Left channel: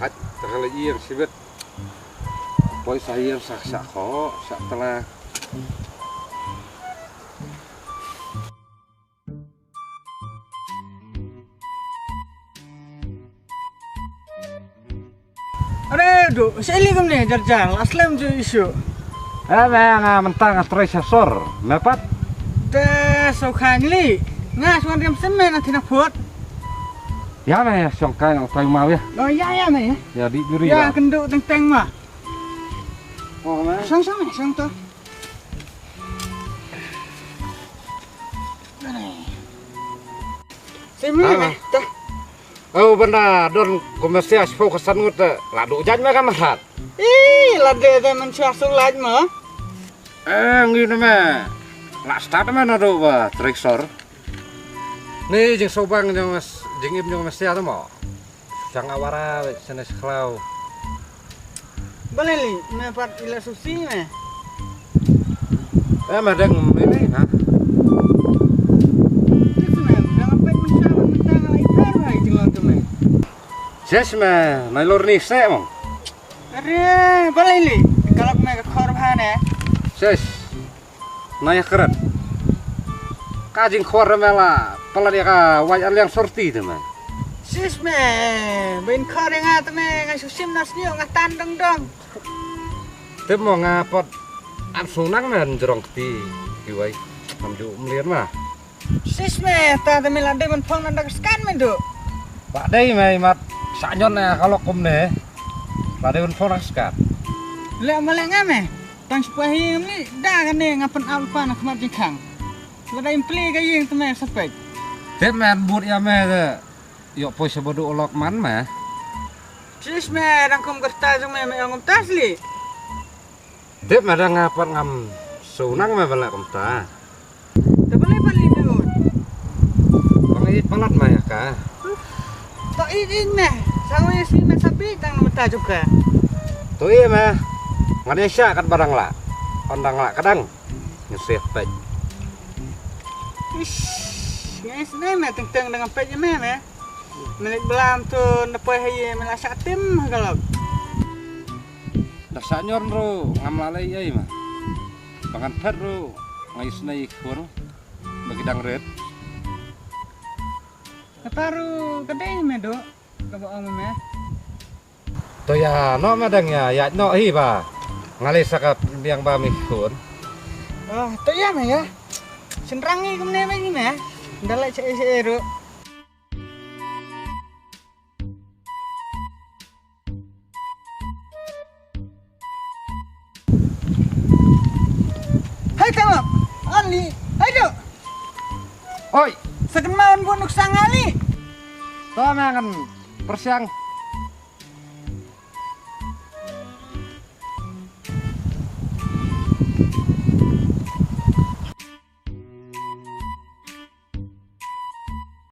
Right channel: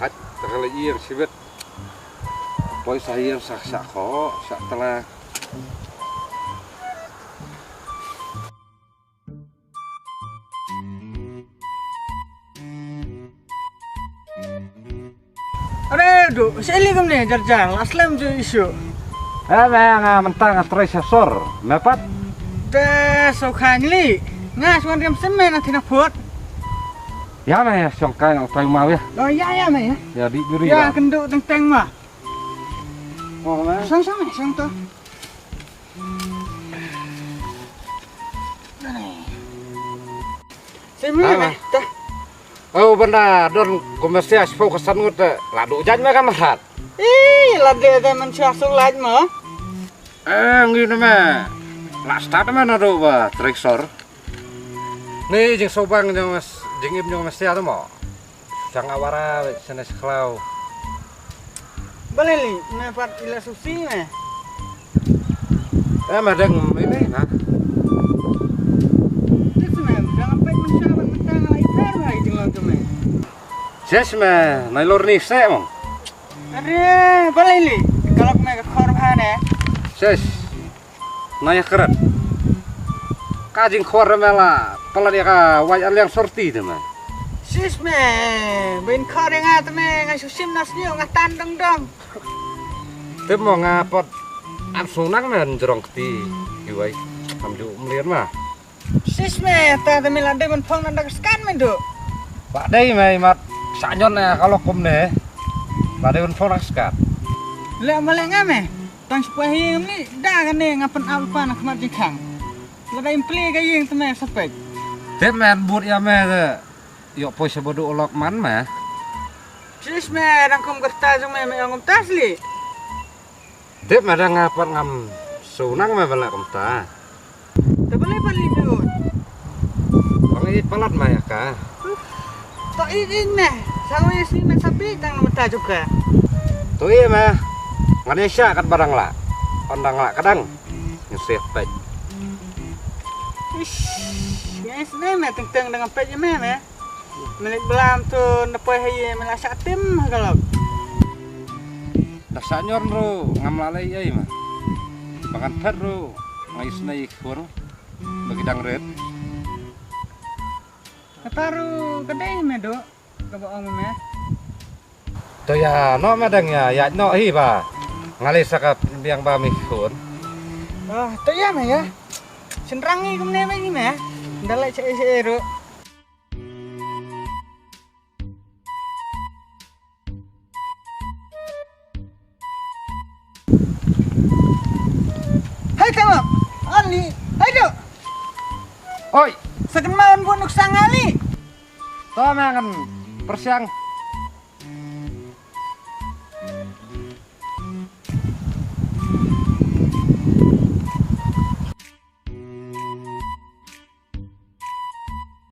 hat terlalu sibet poi saya sak kok sak telah Aduh, sili kum nih jarjang, aslam jo isu. nga mentang stresor mepat Teh sokhan li, ngas wan riam semen nanti nak buat. ya mah songkai yang tahu mau ya Oh ya meh ya. ya di duri Ya kenduk teng mah. oh mah Sang tu. Semi meh, teh. oh benar don komesias fokusan ngut ladu jan mah kan mahat Ih, lade teh mencuasung laj mah. ngini mah lah start mah nado ba tresor nih jeung sobang jeung mas jeung im jeung mas ya mah sang awara sana seklau Boleh li, mepat ila susi meh. madang ini ha Terus meh, jangan pek mencabat mentang lai per hai jenglon tu meh. jes mah nailor ni se mong Aduh, boleh li. Kalau meh ke korban ya. jes naya keren kajing khor mela pala dia ka wajan yang sorti tu mah Sis meh, bin kor yang ngat meh, ngai susim nas niu ngatan dong. teu mau ngapot sunang mah jerong ti kiwai amju melian mah Sis meh, ta te melande men phong nanda skan men do. pak dei mah mat sanyon kalau kum ne lade un phong skat Le maleng ame, tang sepahi ni dah kan ne ngapen alpa nak mat jengkang. Le dah impli ga yeng te meh sepek. teu men but ya mah yo poi sebodo olok man mah Sis meh, rangkum gerta jung meh ngom tasli. teu mah ngapot ngam sunang mah bala kum ta Te boleh pali do. pangai palat mah ya ka To in meh, sangoy si men sapi tang mata juga. tu iya mah ngadesya kan barang la ondang la kadang ngeseh pej Ish, guys ne meh teng dengan pej meh meh. Melik belam tu nepoi haye melasak tim kalau. dah sanyor ro ngam lalai ai mah bangan pet ro ngais nai khur bagi dang red Kataru kedai meh do. Kabaong meh. to ya no madang ya no hi ba ngalih sakap biang ba mi khur Oh, tu ya meh ya. Senrangi kemne meh ni meh. Dalai cek ro. Hai kamu, Ali, hai do. oi Seken maun pun nuk sangali. to mah kan persiang